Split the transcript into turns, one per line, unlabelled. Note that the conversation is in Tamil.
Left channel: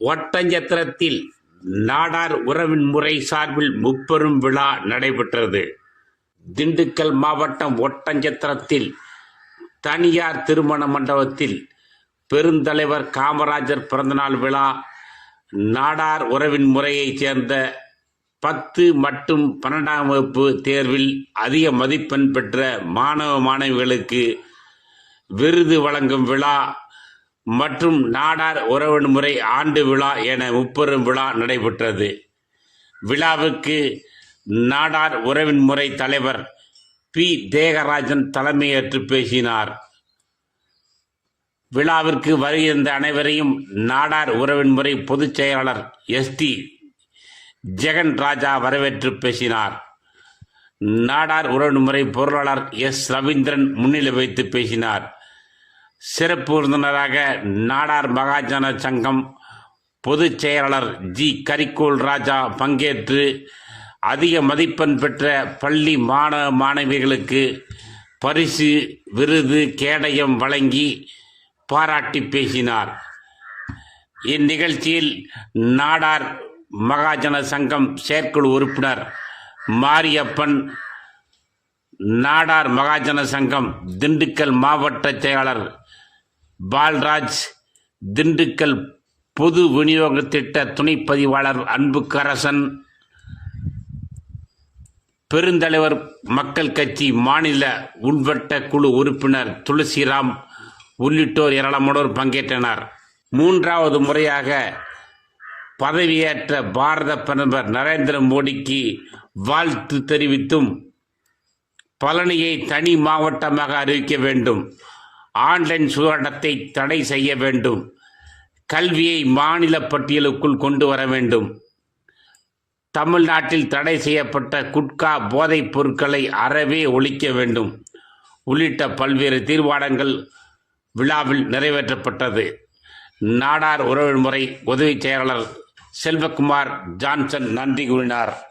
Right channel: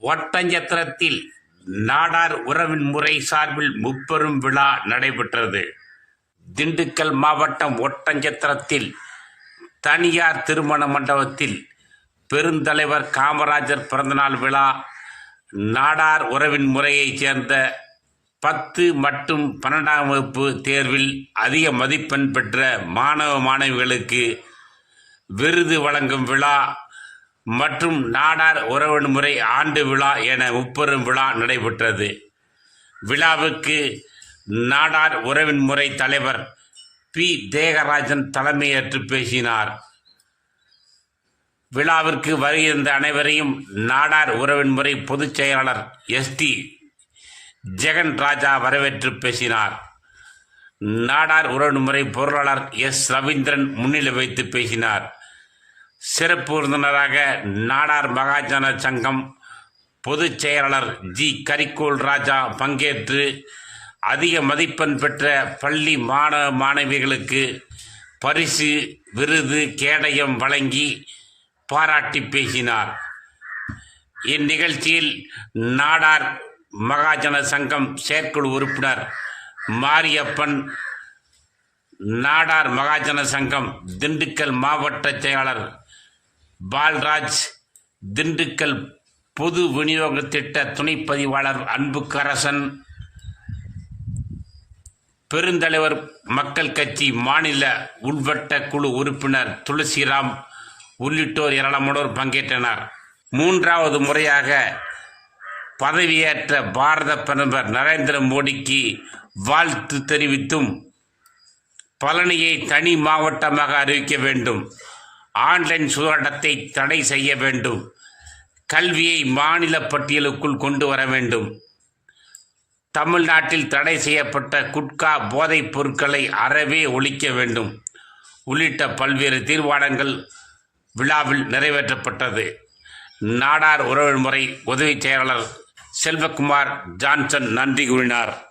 ஒட்டஞ்சத்திரத்தில் நாடார் உறவின் முறை சார்பில் முப்பெரும் விழா நடைபெற்றது. திண்டுக்கல் மாவட்டம் ஒட்டஞ்சத்திரத்தில் தனியார் திருமண மண்டபத்தில் பெருந்தலைவர் காமராஜர் பிறந்தநாள் விழா நாடார் உறவின் முறையைச் சேர்ந்த பத்து மற்றும் பன்னெண்டாம் வகுப்பு தேர்வில் அதிக மதிப்பெண் பெற்ற மாணவ மாணவிகளுக்கு விருது வழங்கும் விழா மற்றும் நாடார் உறவின்முறை ஆண்டு விழா என முப்பெரும் விழா நடைபெற்றது. விழாவுக்கு நாடார் உறவின் முறை தலைவர் பி. தேகராஜன் தலைமையேற்று பேசினார். விழாவிற்கு வருகின்ற அனைவரையும் நாடார் உறவின் முறை பொதுச் செயலாளர் எஸ்டி ஜெகன் ராஜா வரவேற்று பேசினார். நாடார் உறவின் முறை பொருளாளர் எஸ். ரவீந்திரன் முன்னிலை வைத்து பேசினார். சிறப்பு விருந்தினராக நாடார் மகாஜன சங்கம் பொதுச் செயலாளர் ஜி. கரிக்கோல் ராஜா பங்கேற்று அதிக மதிப்பெண் பெற்ற பள்ளி மாணவ மாணவிகளுக்கு பரிசு விருது கேடயம் வழங்கி பாராட்டி பேசினார். இந்நிகழ்ச்சியில் நாடார் மகாஜன சங்கம் செயற்குழு உறுப்பினர் மாரியப்பன் நாடார் மகாஜன சங்கம் திண்டுக்கல் மாவட்ட செயலாளர் பால்ராஜ் திண்டுக்கல் பொது விநியோக திட்ட துணைப் பதிவாளர் அன்புக்கரசன் பெருந்தலைவர் மக்கள் கட்சி மாநில உள்வட்ட குழு உறுப்பினர் துளசிராம் உள்ளிட்டோர் ஏராளமானோர் பங்கேற்றனர். மூன்றாவது முறையாக பதவியேற்ற பாரத பிரதமர் நரேந்திர மோடிக்கு வாழ்த்து தெரிவித்தும் பழனியை தனி மாவட்டமாக அறிவிக்க வேண்டும். ஆன்லைன் சூதாட்டத்தை தடை செய்ய வேண்டும். கல்வியை மாநில பட்டியலுக்குள் கொண்டு வர வேண்டும். தமிழ்நாட்டில் தடை செய்யப்பட்ட குட்கா போதைப் பொருட்களை அறவே ஒழிக்க வேண்டும். உள்ளிட்ட பல்வேறு தீர்மானங்கள் விழாவில் நிறைவேற்றப்பட்டது. நாடார் உறவு முறை உதவி செயலாளர் செல்வகுமார் ஜான்சன் நன்றி கூறினார்.